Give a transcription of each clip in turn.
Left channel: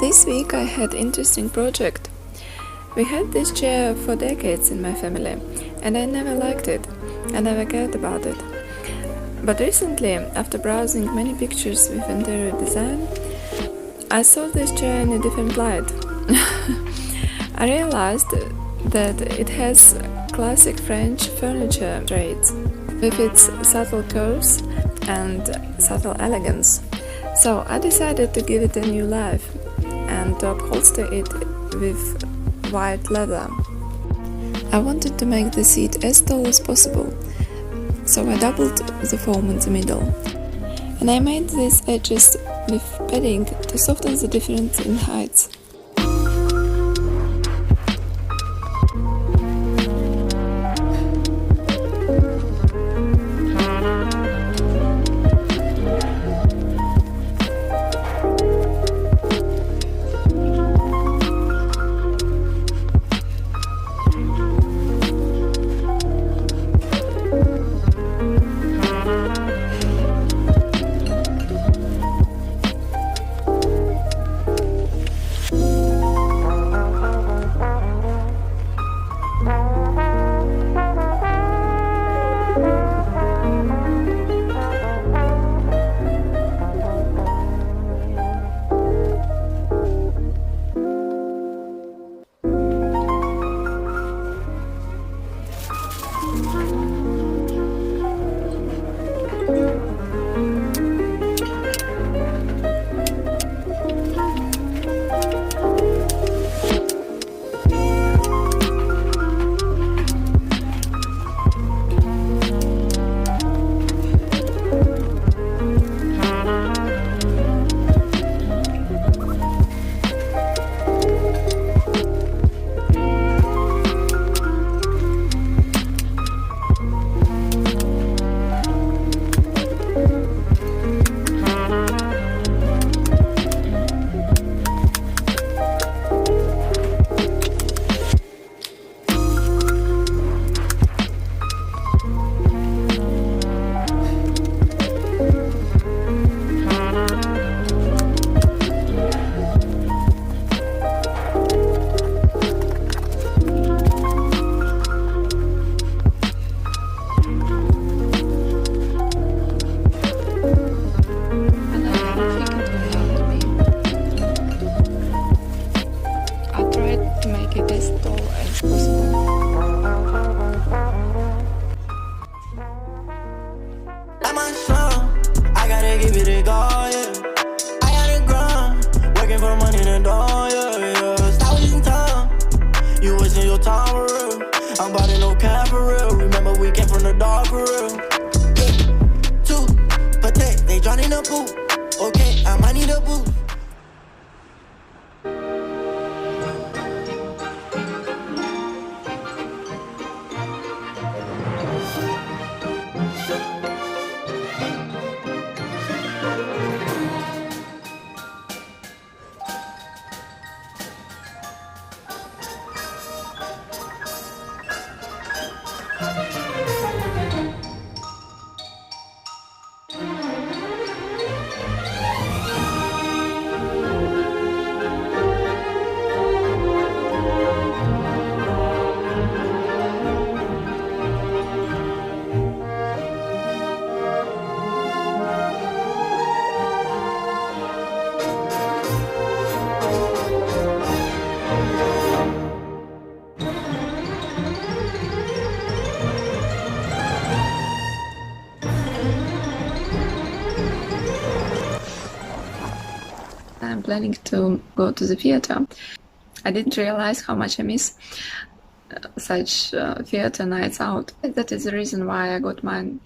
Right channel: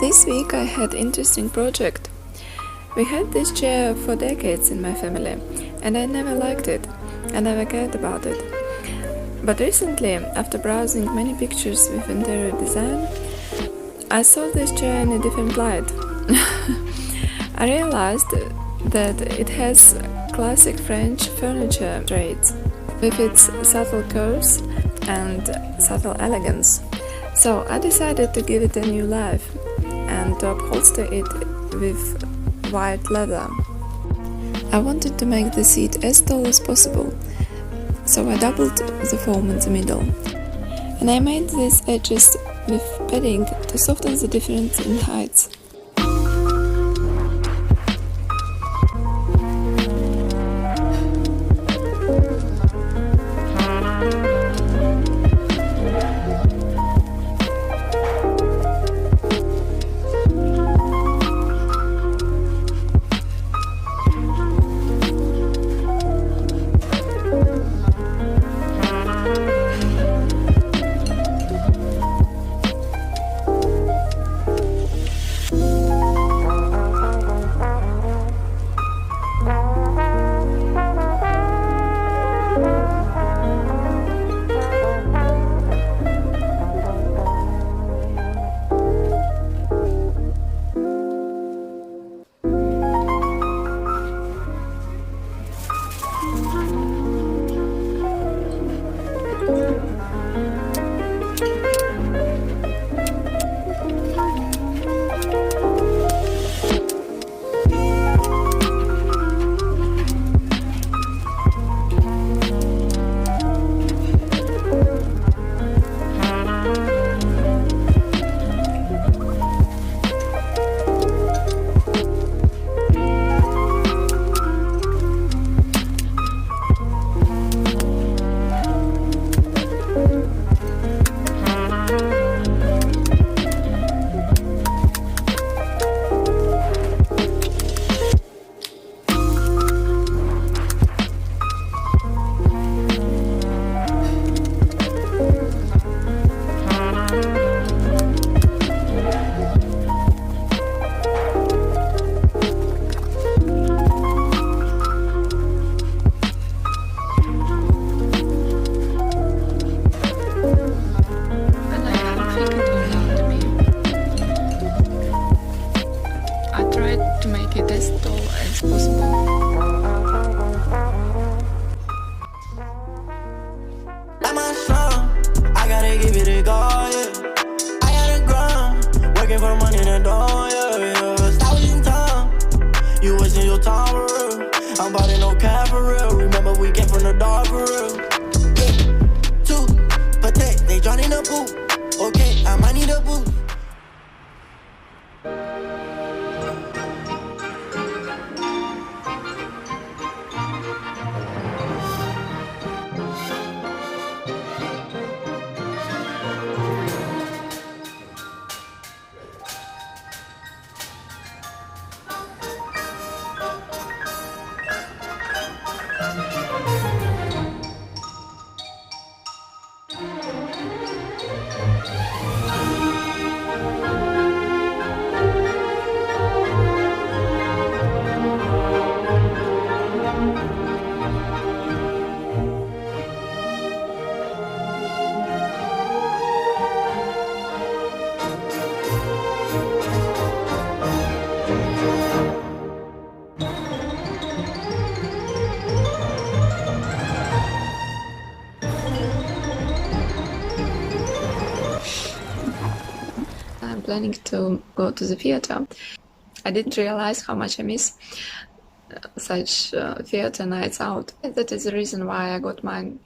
This week I had interesting project. We had this chair for decades in my family, and I never liked it. I never cared about it. But recently, after browsing many pictures with interior design, I saw this chair in a different light. I realized that it has classic French furniture traits, with its subtle curves and subtle elegance. So I decided to give it a new life and to upholster it with white leather. I wanted to make the seat as tall as possible, so I doubled the foam in the middle. And I made these edges with padding to soften the difference in heights. I'm about in no cap for real. Remember we came from the dark for real. Yeah, two, protect, they drown in the pool. Okay, I might need a boost. I'm planning to go to the theater. I didn't realize how much I miss such theater nights out. That is the reason why I got mine.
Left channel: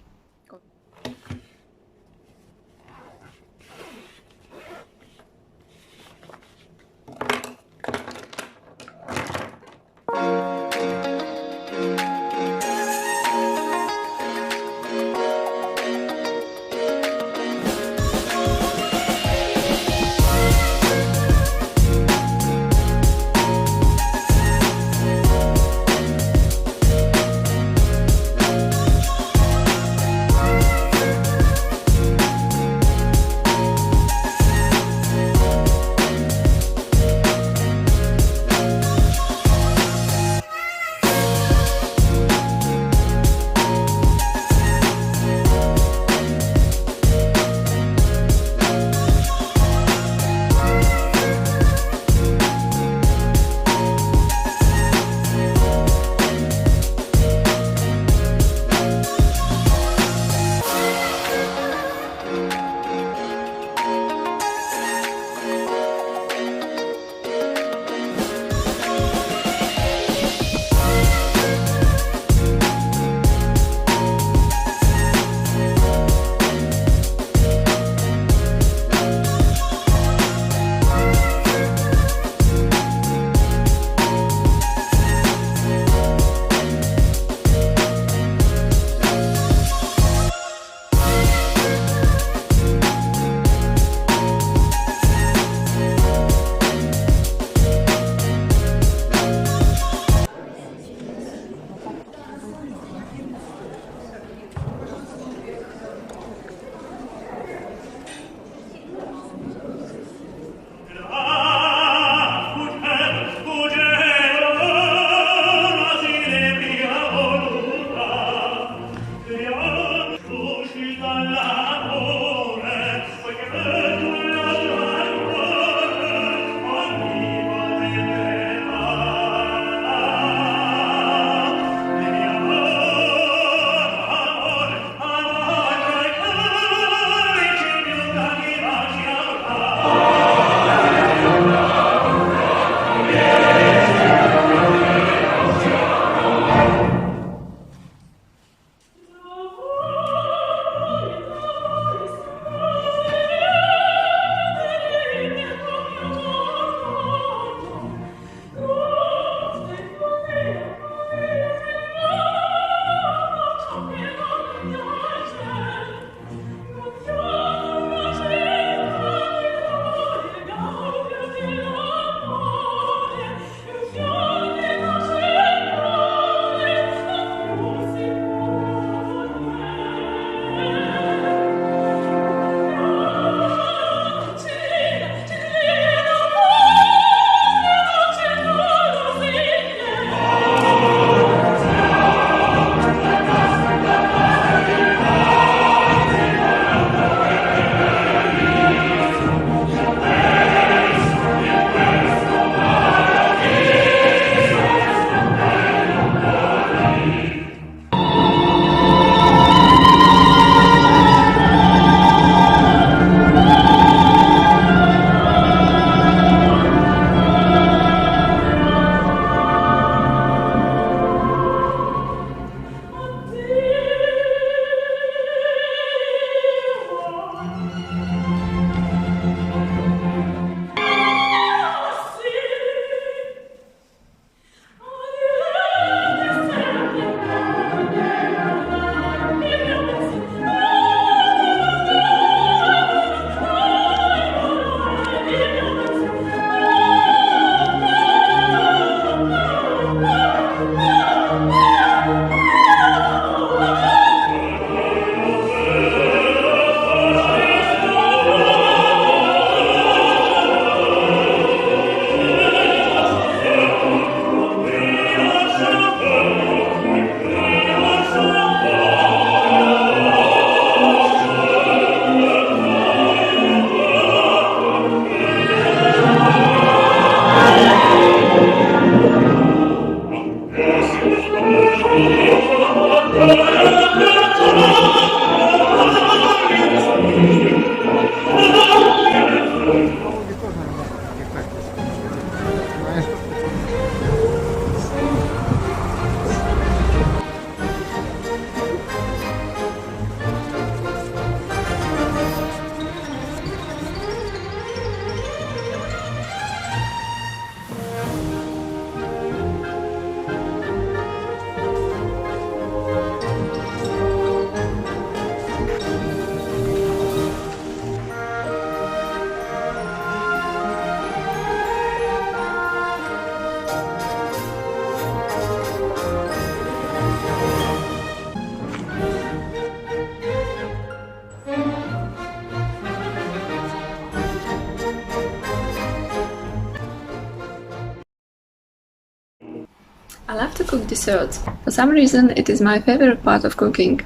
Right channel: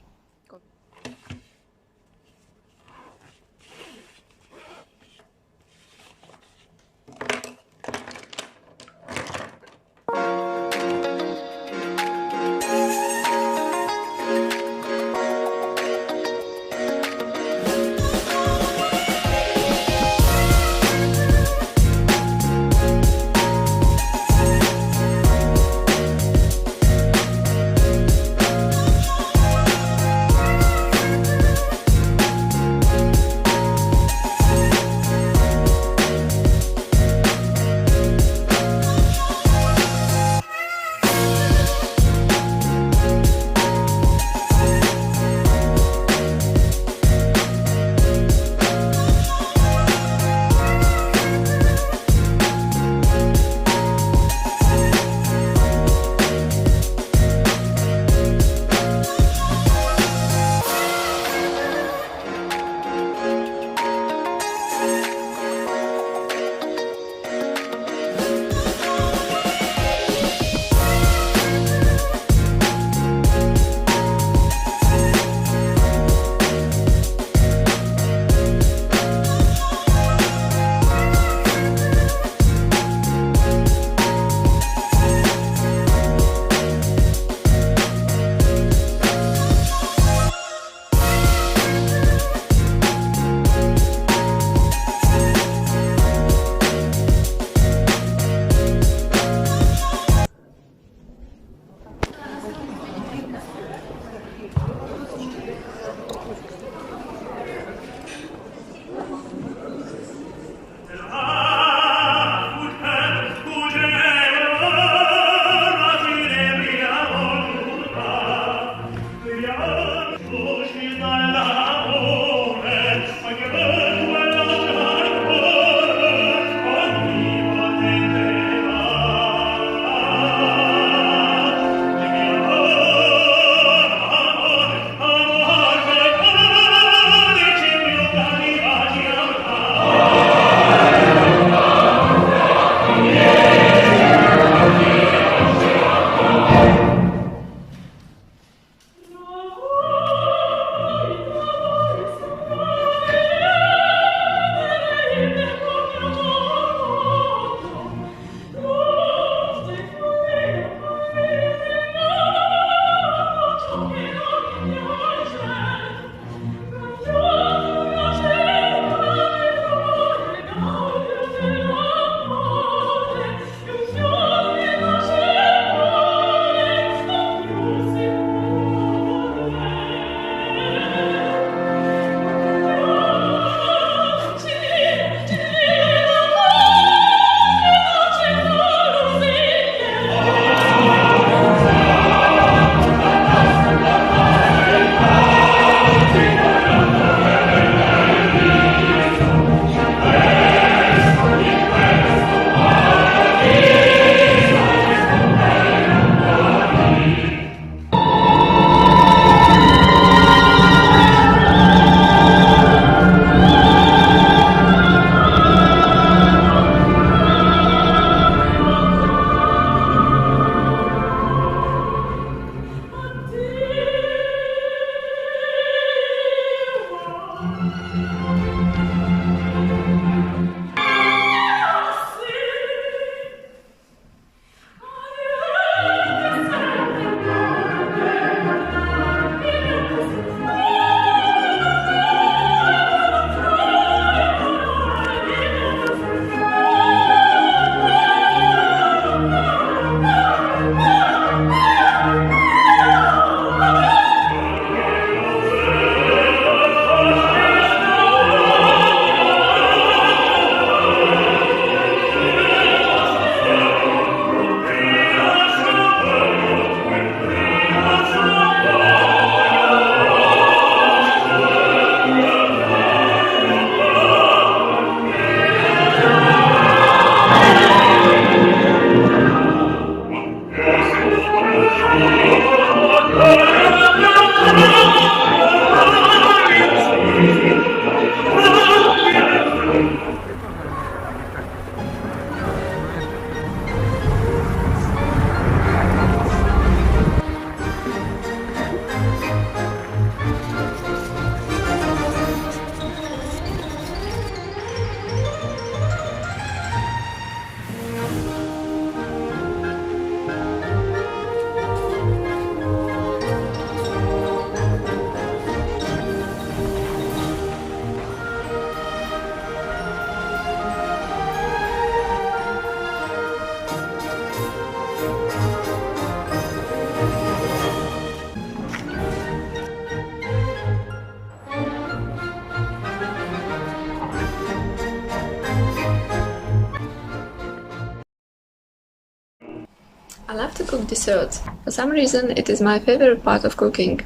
I love to cook desserts. For some reason, it is my favorite part of cooking.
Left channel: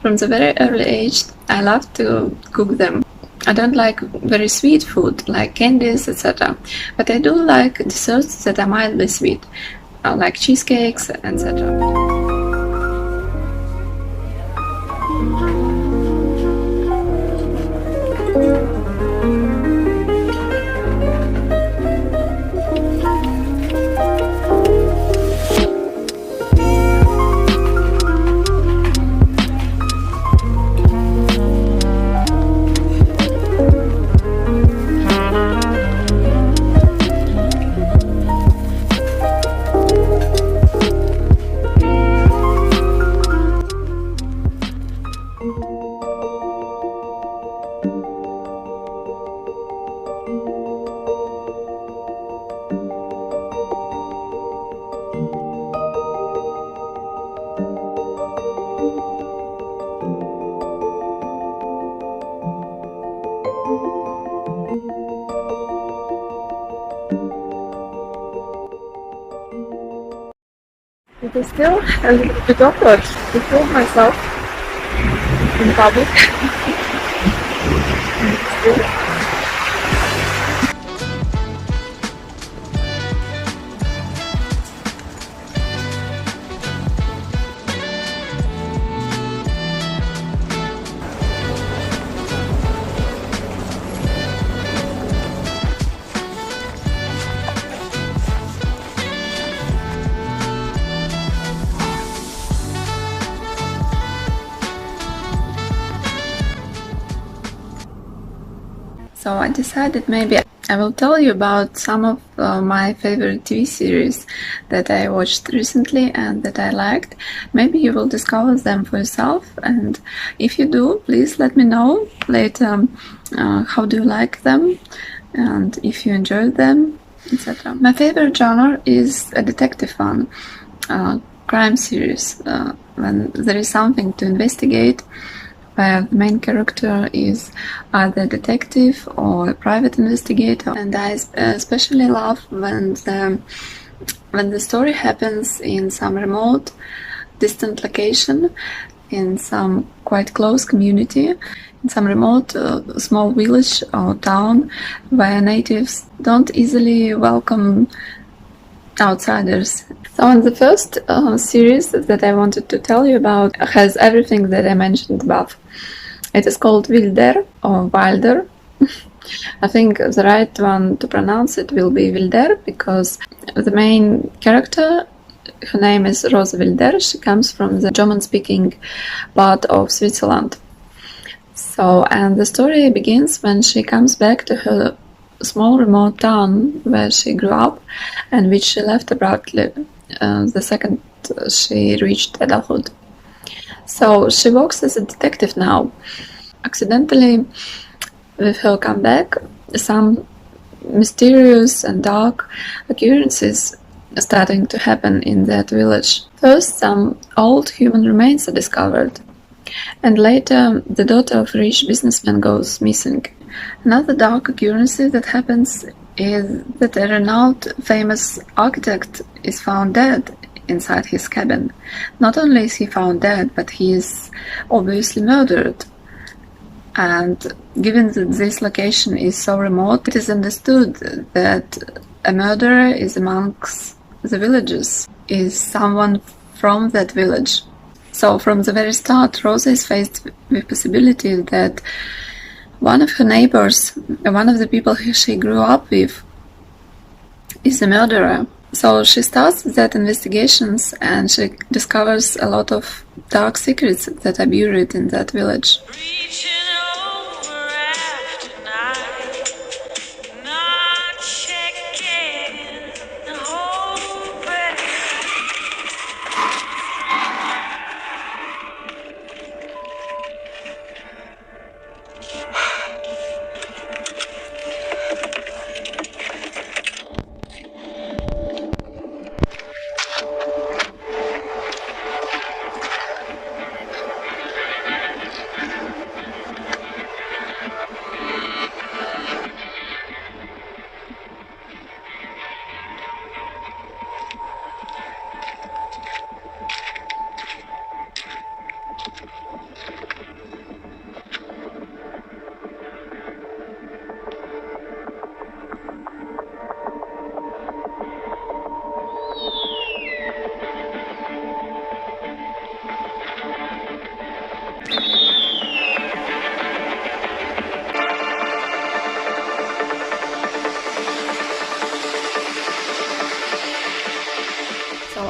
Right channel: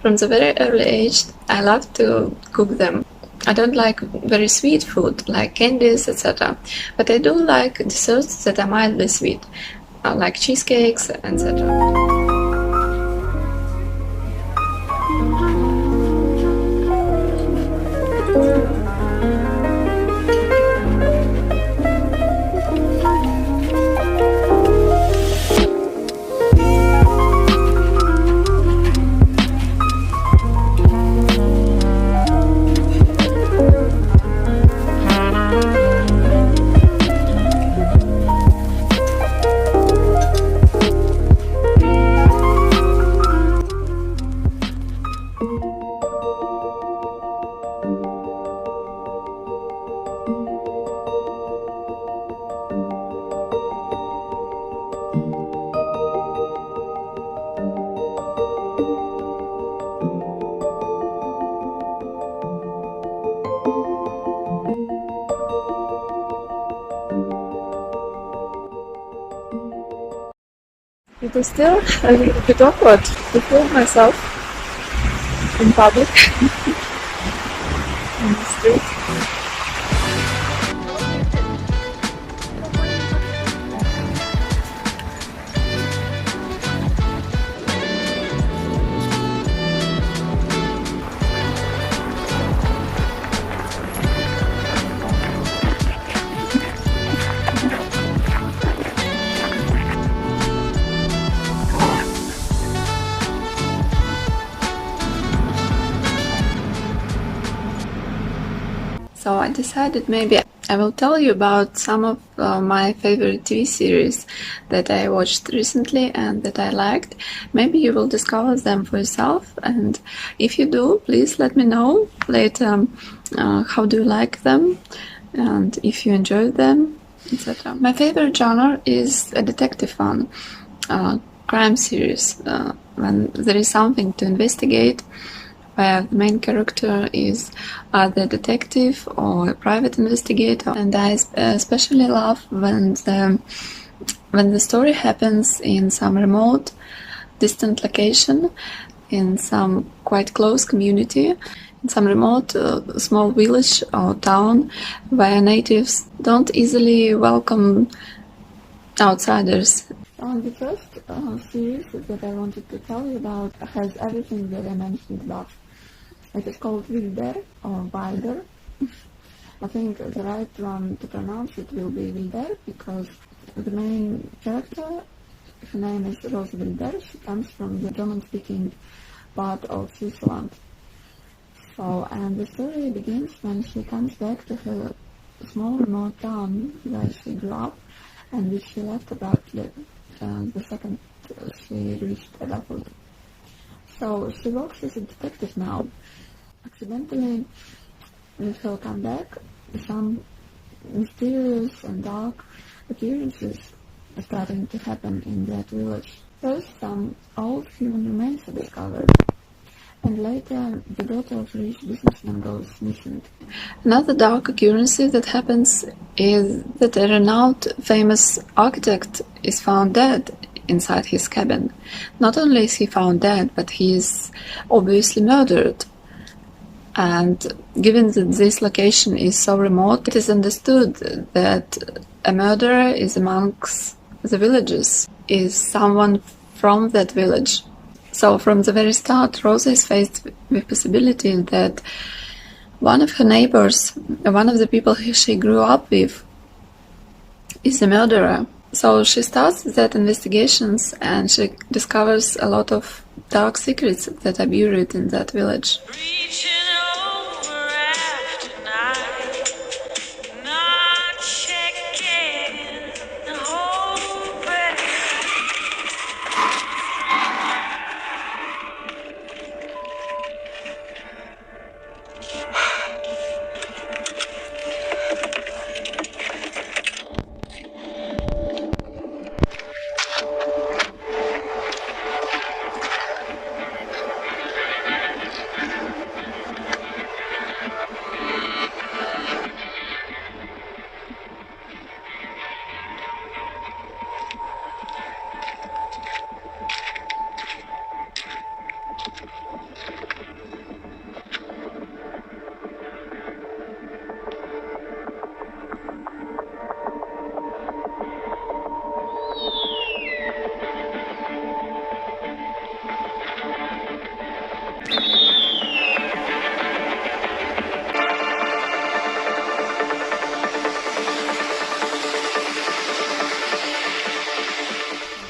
From the very early age, I love to cook them. I don't like very sweet food, like candies, etc. But I do like desserts that are mildly sweet, like cheesecakes, etc. It is still a little bit awkward to film myself in public. In the street. So I decided maybe I will tell you about some of my favorite TV series that I watched recently and that I liked. Maybe you will discover them for yourself, and if you do, please let me know later how do you like them and if you enjoyed them, etc. My favorite genre is a detective one, crime series, when there is something to investigate, where the main character is either a detective or a private investigator. And I especially love when the story happens in some remote, distant location, in some quite close community, in some remote small village or town, where natives don't easily welcome outsiders. So in the first series that I wanted to tell you about has everything that I mentioned above. It is called Wilder or Wilder. I think the right one to pronounce it will be Wilder, because the main character, her name is Rose Wilder. She comes from the German-speaking part of Switzerland. So, and the story begins when she comes back to her small remote town where she grew up and which she left abruptly the second she reached adulthood. So she works as a detective now. Accidentally, with her comeback, some mysterious and dark occurrences are starting to happen in that village. First, some old human remains are discovered, and later the daughter of a rich businessman goes missing. Another dark occurrence that happens is that a renowned famous architect is found dead inside his cabin. Not only is he found dead, but he is obviously murdered. And given that this location is so remote, it is understood that a murderer is amongst the villagers, is someone from that village. So from the very start, Rosa is faced with possibility that one of her neighbors, one of the people who she grew up with, is a murderer. So she starts that investigations and she discovers a lot of dark secrets that are buried in that village.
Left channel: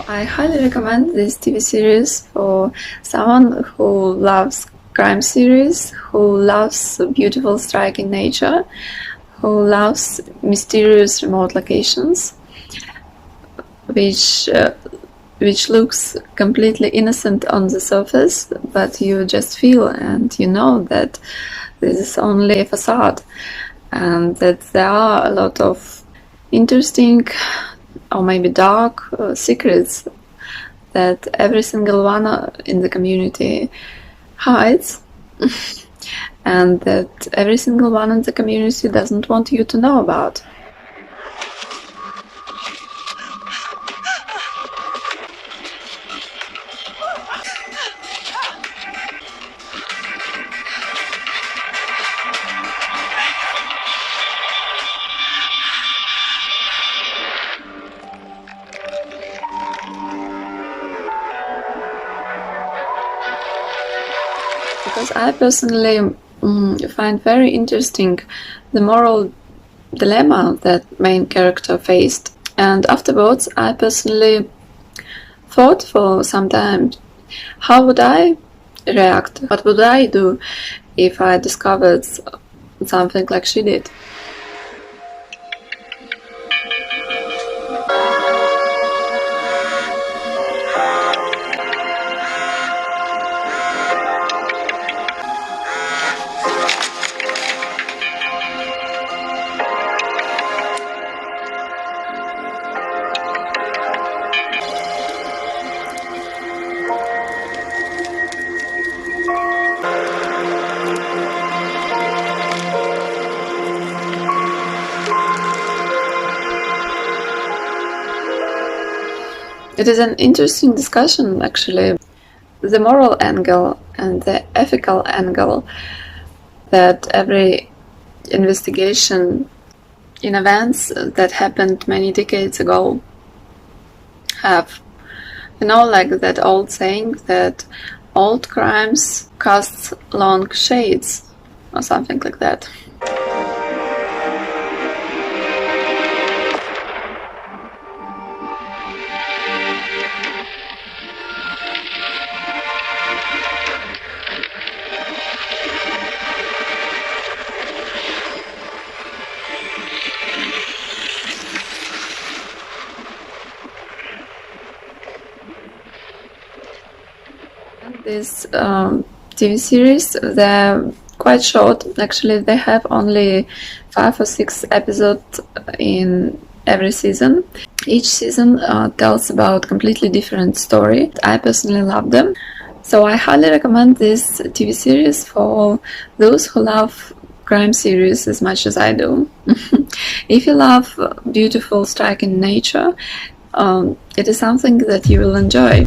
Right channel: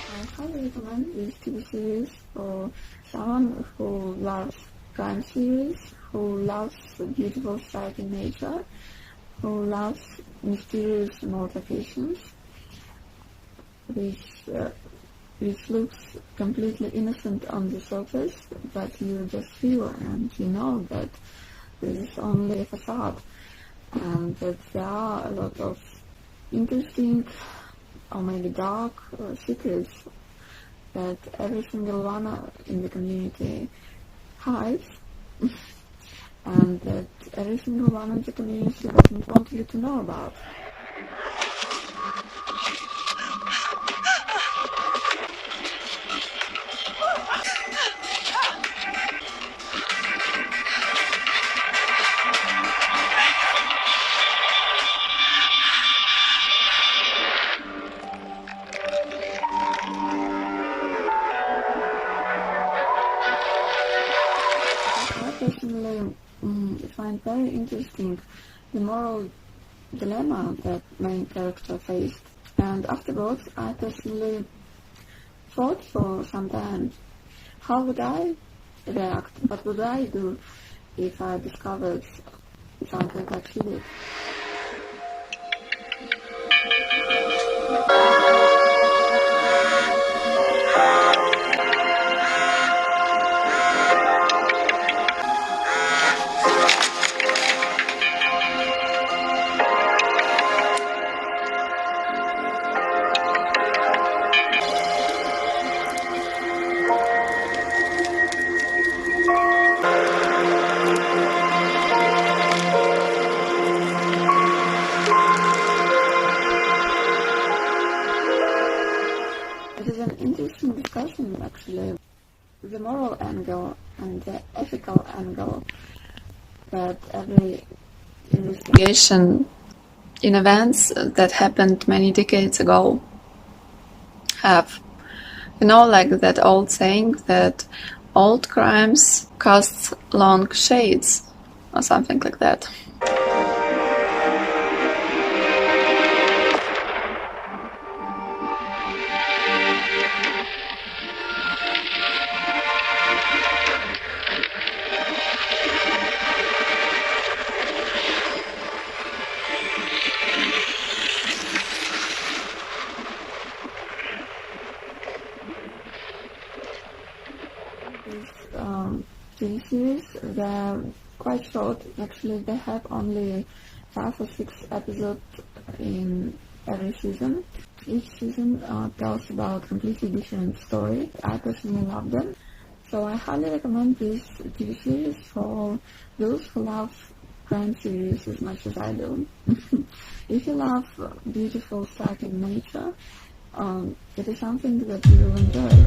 I highly recommend this TV series for someone who loves crime series, who loves beautiful, striking nature, who loves mysterious remote locations, which looks completely innocent on the surface, but you just feel and you know that this is only a facade, and that there are a lot of interesting or maybe dark secrets that every single one in the community hides and that every single one in the community doesn't want you to know about. Because I personally find very interesting the moral dilemma that main character faced, and afterwards I personally thought for some time, how would I react? What would I do if I discovered something like she did? It is an interesting discussion, actually. The moral angle and the ethical angle that every investigation in events that happened many decades ago have. You know, like that old saying that old crimes cast long shades, or something like that. This TV series, they're quite short. Actually, they have only 5 or 6 episodes in every season. Each season tells about completely different story. I personally love them. So I highly recommend this TV series for those who love crime series as much as I do. If you love beautiful, striking nature, it is something that you will enjoy.